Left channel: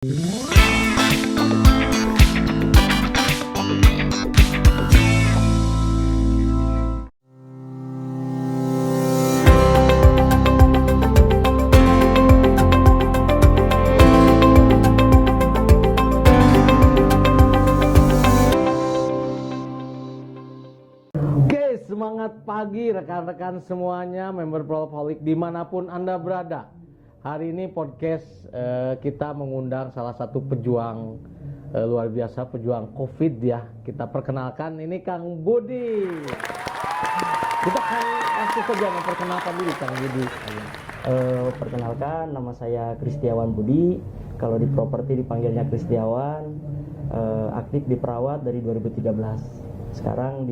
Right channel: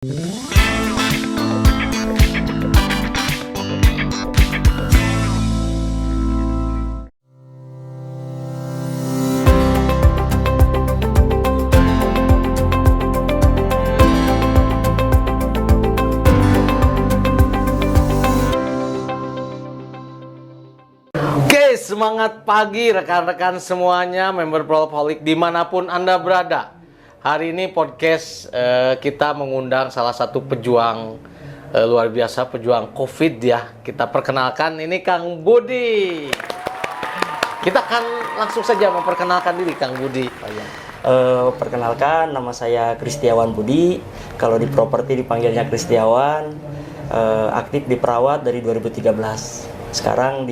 Oke, semangat pagi rekan-rekan semuanya, member Prolopaholic dimanapun Anda berada. Hari ini podcast kita mengundang salah satu pejuang luar biasa, pejuang COVID ya. Kita perkenalkan, ini Kang Budi. Kita akan langsung saja memperkenalkan diri Kang Budi. Perkenalkan, nama saya Kristiawan Budi. Kalau di properti dipanggilnya Kristiawan. Aktif di perawat dari 2013. Sekarang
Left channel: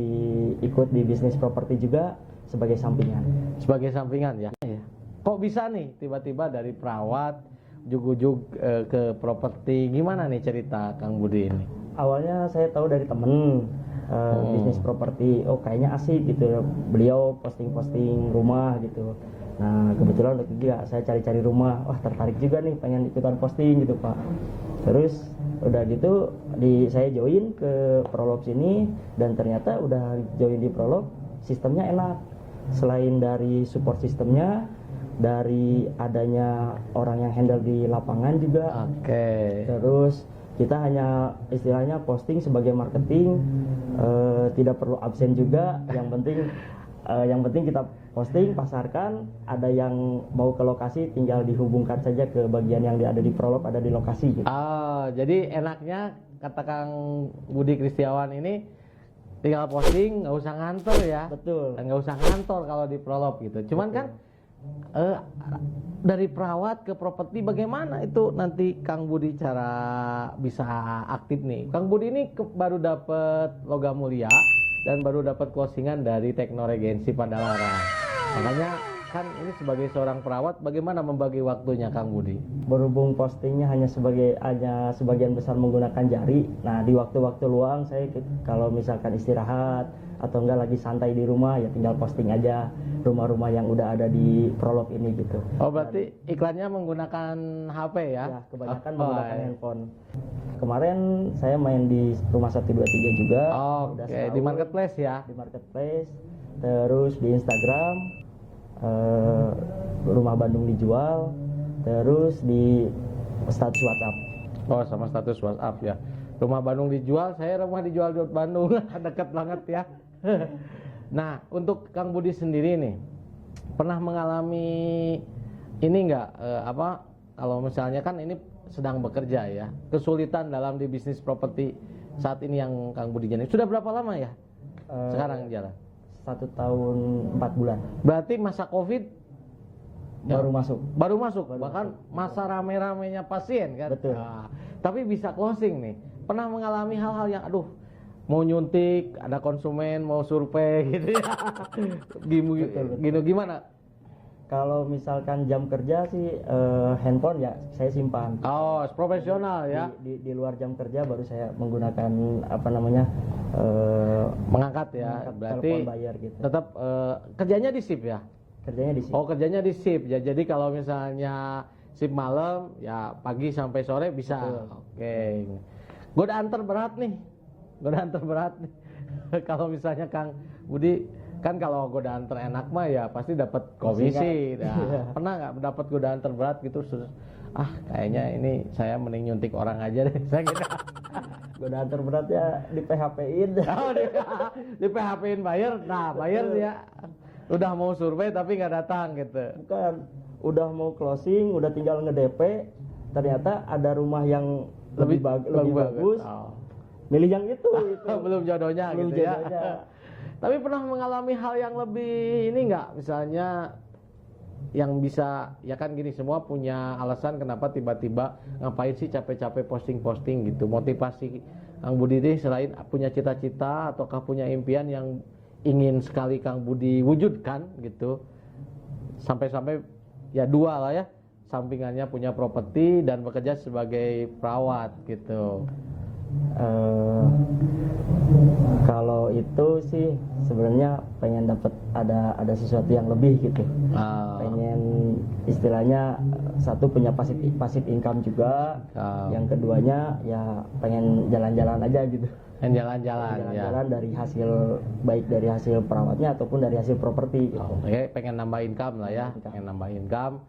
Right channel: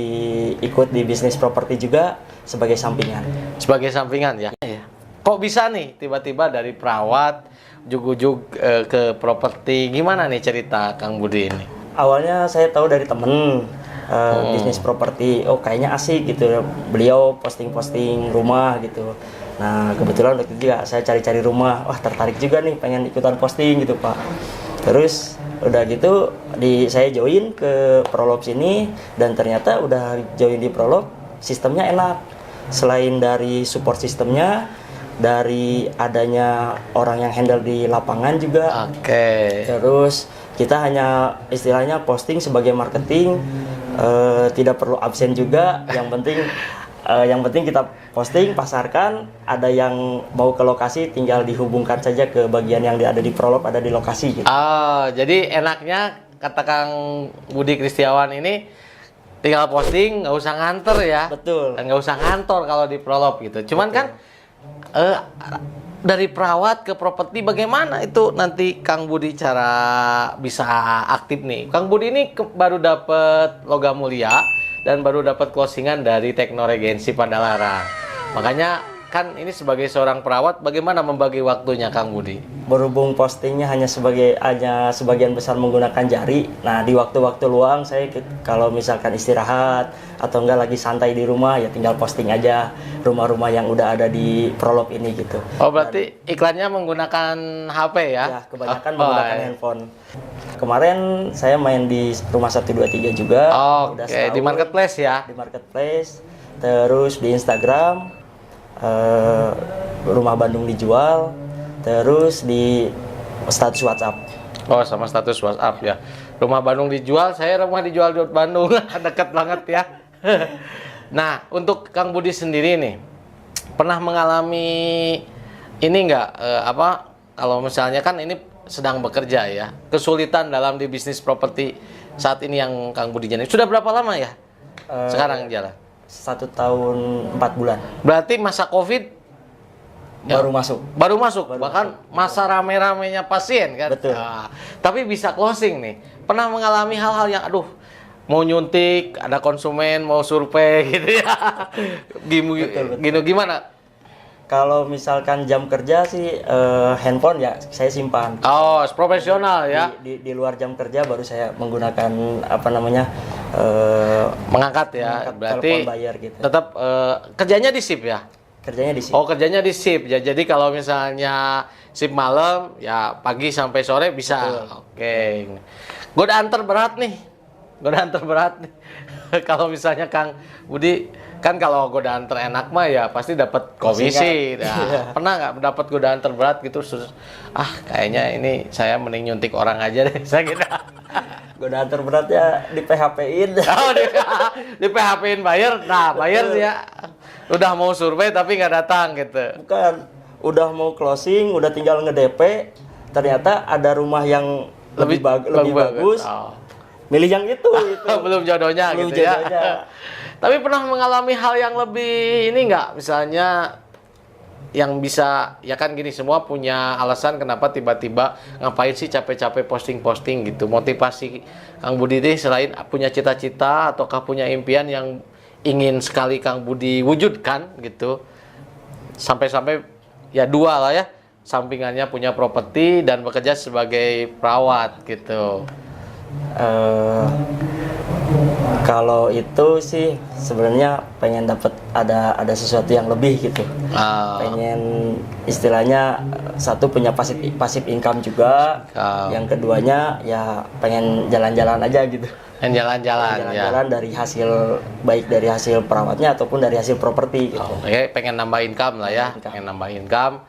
ikut di bisnis properti juga sebagai sampingan. Sebagai sampingan ya. Kok bisa nih tiba-tiba dari perawat ujug-ujug ke properti? Gimana nih cerita Kang Budi ini? Awalnya saya tahu dari temen bisnis properti. Oh, kayaknya asik gitu. Beliau posting-posting rumah gitu. Nah, kebetulan waktu itu juga saya cari-cari rumah. Wah, tertarik juga nih, pengen ikutan posting gitu, Pak. Terus udah gitu saya join ke Prolop sini, dan ternyata udah join di Prolop, sistemnya enak. Selain dari support sistemnya, dari adanya orang yang handle di lapangan juga. Oke. Terus kita hanya istilahnya posting sebagai marketing, tidak perlu absen juga. Yang penting kita posting, pasarkan. Ada yang mau ke lokasi, tinggal dihubungkan saja ke bagian yang ada di Prolop, ada di lokasi gitu. Jadi enaknya kata Kang Budi Kristiawan ini tinggal posting, nggak usah nganter ya. Betul. Dan nggak usah ngantor kalau di Prolop gitu. Cuman kan dari perawat ke properti, bagaimana itu nanti Kang Budi cara bisa aktif nih? Kang Budi ini baru dapat logam mulia dan baru dapat closingan dari Teknoregensi Padalarang. Makanya kan ini sebagai seorang perawat, bagaimana membagi waktunya Kang Budi? Berhubung postingnya hanya sebagian besar menggunakan jari. Nah, di waktu-waktu luang saya kalau misalkan istirahat atau enggak lagi santai di rumah, ya tinggal posting aja rumah-rumah yang udah ada di Prolop ini gitu. Oh, berarti iklannya menggunakan HP ya? Ya, kebanyakan menggunakan handphone. Kemarin saya main di Rumah 123 juga. Oke, di marketplace ya? Di marketplace. Terus di Instagram, Rumah Bandung dijual. Terus di status WhatsApp. Oh, sama status WhatsApp ya. Rumah Bandung dijual, saya rumah dijual di Bandung. Dekat banget ya. Nah, untuk Kang Budi sendiri nih, pernah mengalami ini nggak, kalau misalnya kan ini sedang bekerja ya, kesulitan dalam di bisnis properti saat ini yang Kang Budi jalani. Sudah berapa lama ya sekarang jalan? 1 tahun 4 bulan. Berarti masa COVID Baru masuk. Bahkan masa rame-ramenya pasien kan. Betul. Nah, tapi bisa closing nih. Pernah mengalami hal-hal yang mau nyuntik, ada konsumen mau survei gitu ya. Gimana? Kalau misalkan jam kerja sih handphone ya saya simpan. Oh, profesional ya. Di luar jam kerja baru saya menggunakan Mengangkat ya. Berarti telepon bayar gitu. tetap kerjanya di shift ya. Kerjanya di sini. Oh, kerjanya di shift ya. Jadi kalau misalnya shift malam ya pagi sampai sore bisa. Betul. Oke. Godaan terberat nih. Kalau misalnya Kang Budi kan, kalau godaan terenak mah ya pasti dapat komisi. Nah, pernah nggak dapat godaan terberat gitu? Kayaknya ini saya mending nyuntik orang aja deh. Saya gitu. Godaan terberatnya di PHP-in. Oh, di PHP-in buyer. Nah, buyer sih ya. Udah mau survei tapi nggak datang gitu. Bukan, udah mau closing, udah tinggal nge-DP, ternyata ada rumah yang lebih bagus. Oh. Milih yang itu. Belum jodohnya Belum gitu jodohnya. ya. Tapi pernah mengalami hal yang lebih ini nggak? Misalnya yang bisa, ya kan gini, semua punya alasan kenapa tiba-tiba ngapain sih capek-capek posting-posting gitu. Motivasi Kang Budi ini selain punya cita-cita ataukah punya impian yang ingin sekali Kang Budi wujudkan gitu. Sampai-sampai ya 2 lah ya. Sampingannya punya properti dan bekerja sebagai perawat gitu. Kalau itu sih sebenarnya pengen dapat ada sesuatu yang lebih gitu. Pengen istilahnya satu punya pasif income juga. Yang keduanya ya pengen jalan-jalan aja gitu. Yang jalan-jalan ya. Jalan-jalan dari hasil baik dari hasil perawatnya ataupun dari hasil properti gitu. Oke, pengen nambah income lah ya. Pengen nambah income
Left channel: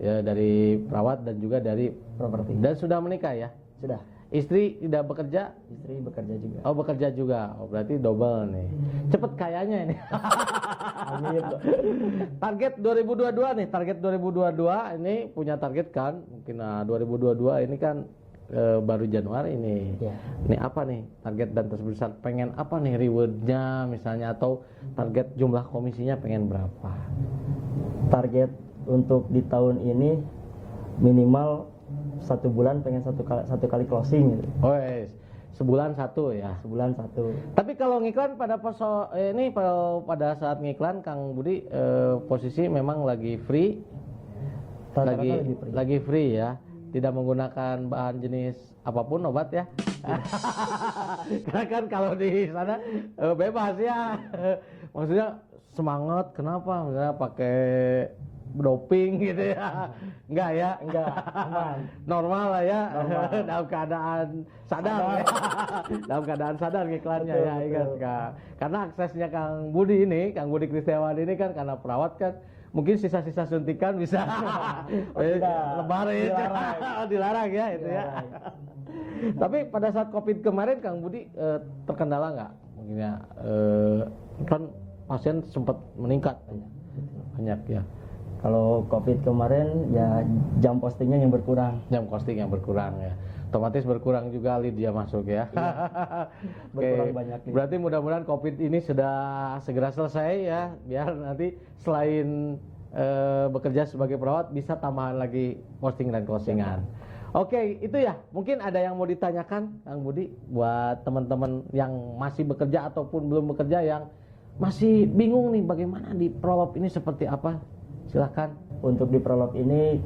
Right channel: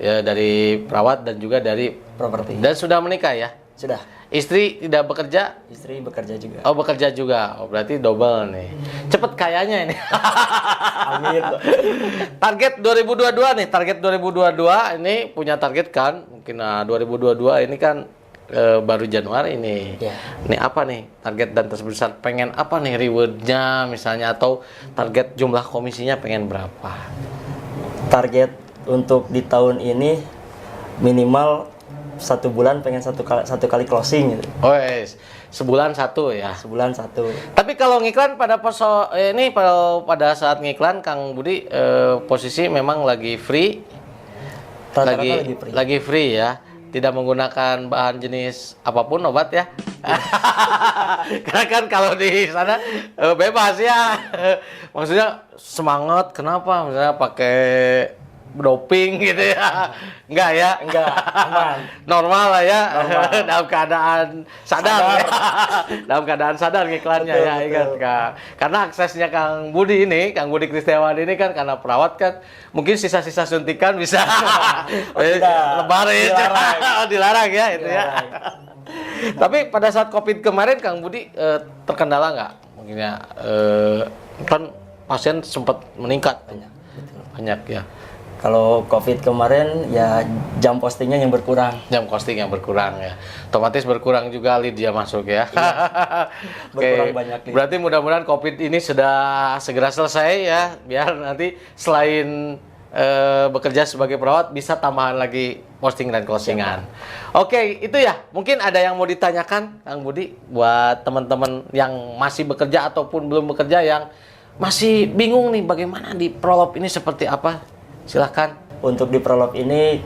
ya, dari perawat dan juga dari Properti. Dan sudah menikah ya? Sudah. Istri tidak bekerja? Istri bekerja juga. Oh, bekerja juga. Oh, berarti double nih. Cepet kayanya ini. Amin. Target 2022 nih, target 2022 ini punya target kan? Mungkin 2022 ini kan baru Januari ini. Ya. Ini apa nih target dan terbesar? Pengen apa nih rewardnya misalnya atau target jumlah komisinya pengen berapa? Target untuk di tahun ini minimal 1 bulan pengen satu kali closing gitu. Oh, yes. Sebulan satu ya. Sebulan 1. Tapi kalau ngiklan pada ini pada saat ngiklan Kang Budi posisi memang lagi free. Rata-rata Lagi free ya. Tidak menggunakan bahan jenis apapun obat ya. Karena kan kalau di sana bebas ya. Maksudnya semangat kenapa misalnya pakai doping gitu ya. Enggak ya? Enggak, aman. Normal lah ya. Normal. Dalam keadaan sadar. Ya. Dalam keadaan sadar iklannya ya, ingat Kak. Karena aksesnya Kang Budi ini, Kang Budi Kristiawan ini kan karena perawat kan mungkin sisa-sisa suntikan bisa lebaran dilarang ya itu ya. Tapi pada saat Covid kemarin Kang Budi terkendala nggak? Mungkin ya kan pasien sempat meningkat banyak ya. Kalau Covid kemarin ya jam postingnya yang berkurang. Jam posting yang berkurang ya. Otomatis berkurang juga lead dia masuk ya. Berkurang banyak lead. Berarti mudah-mudahan Covid ini sudah segera selesai ya. Biar nanti selain bekerja sebagai perawat bisa tambahan lagi posting dan closingan. Oke, itu ya. Mungkin ada yang mau ditanyakan Kang Budi buat teman-teman yang masih bekerja ataupun belum bekerja yang masih bingung nih bagaimana di Prolab ini seperti apa? Silahkan. Untuk di Prolab ini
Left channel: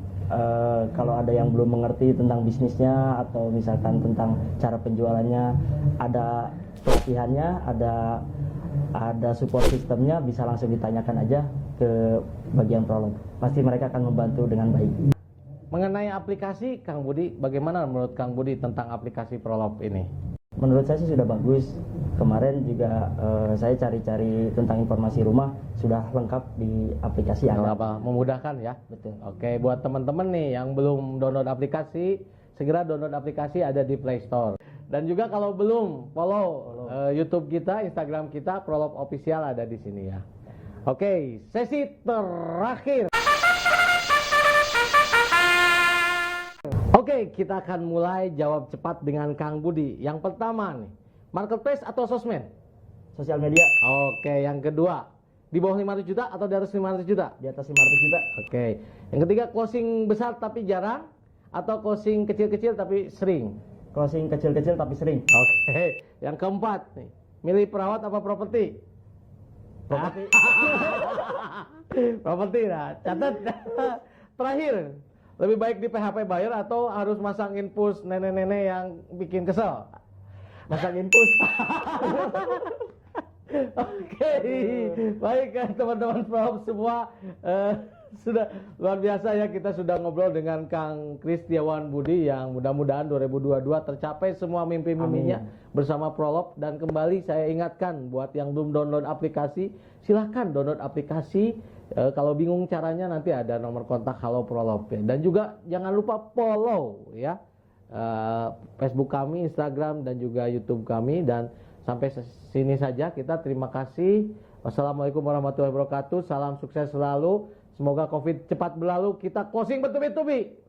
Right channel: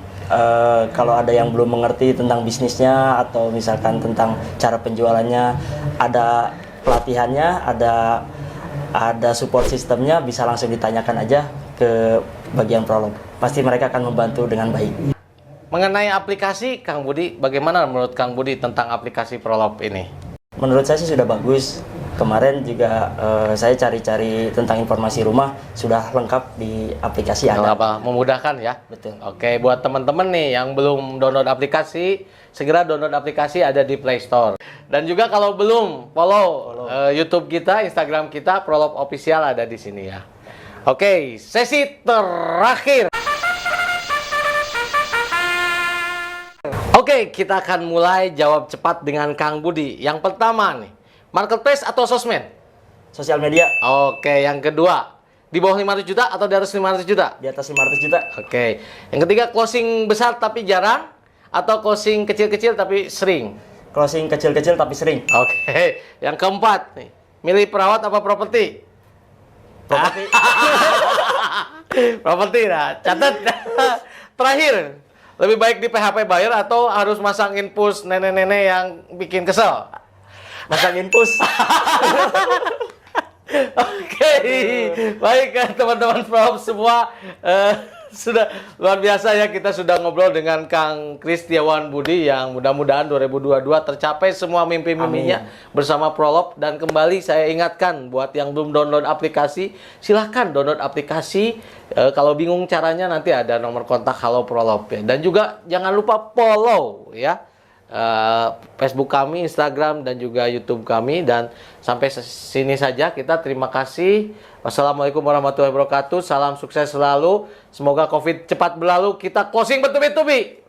kalau ada yang belum mengerti tentang bisnisnya atau misalkan tentang cara penjualannya, ada pelatihannya, ada support sistemnya, bisa langsung ditanyakan aja ke bagian Prolab. Pasti mereka akan membantu dengan baik. Mengenai aplikasi, Kang Budi, bagaimana menurut Kang Budi tentang aplikasi Prolab ini? Menurut saya sih sudah bagus. Kemarin juga saya cari-cari tentang informasi rumah, sudah lengkap di aplikasi ada. Memudahkan ya? Betul. Oke, buat teman-teman nih yang belum download aplikasi, segera download aplikasi, ada di Play Store. Dan juga kalau belum follow YouTube kita, Instagram kita, Prolab Official ada di sini ya. Oke, sesi terakhir. Oke, kita akan mulai jawab cepat dengan Kang Budi. Yang pertama nih, marketplace atau sosmed? Sosial media. Oke, yang kedua, di bawah 500 juta atau di atas 500 juta? Di atas 500 juta. Oke, yang ketiga, closing besar tapi jarang atau closing kecil-kecil tapi sering? Closing kecil-kecil tapi sering. Oke, yang keempat nih, milih perawat apa properti? Properti. Properti, nah, catat. Terakhir, lebih baik di PHP buyer atau harus masang infus nenek-nenek yang bikin kesel? Masang infus. Oke, baik kan teman-teman Prolab semua, sudah luar biasa ya, kita sudah ngobrol dengan Kang Kristiawan Budi yang mudah-mudahan 2022 tercapai semua mimpi-mimpinya bersama Prolab. Dan kembali saya ingatkan buat yang belum download aplikasi, silahkan download aplikasi. Kalau bingung caranya nanti ada nomor kontak Halo Prolab ya. Dan juga jangan lupa follow ya Facebook kami, Instagram dan juga YouTube kami. Dan sampai sini saja kita terima kasih. Wassalamualaikum warahmatullahi wabarakatuh. Salam sukses selalu. Semoga Covid cepat berlalu. Kita closing bertubi-tubi.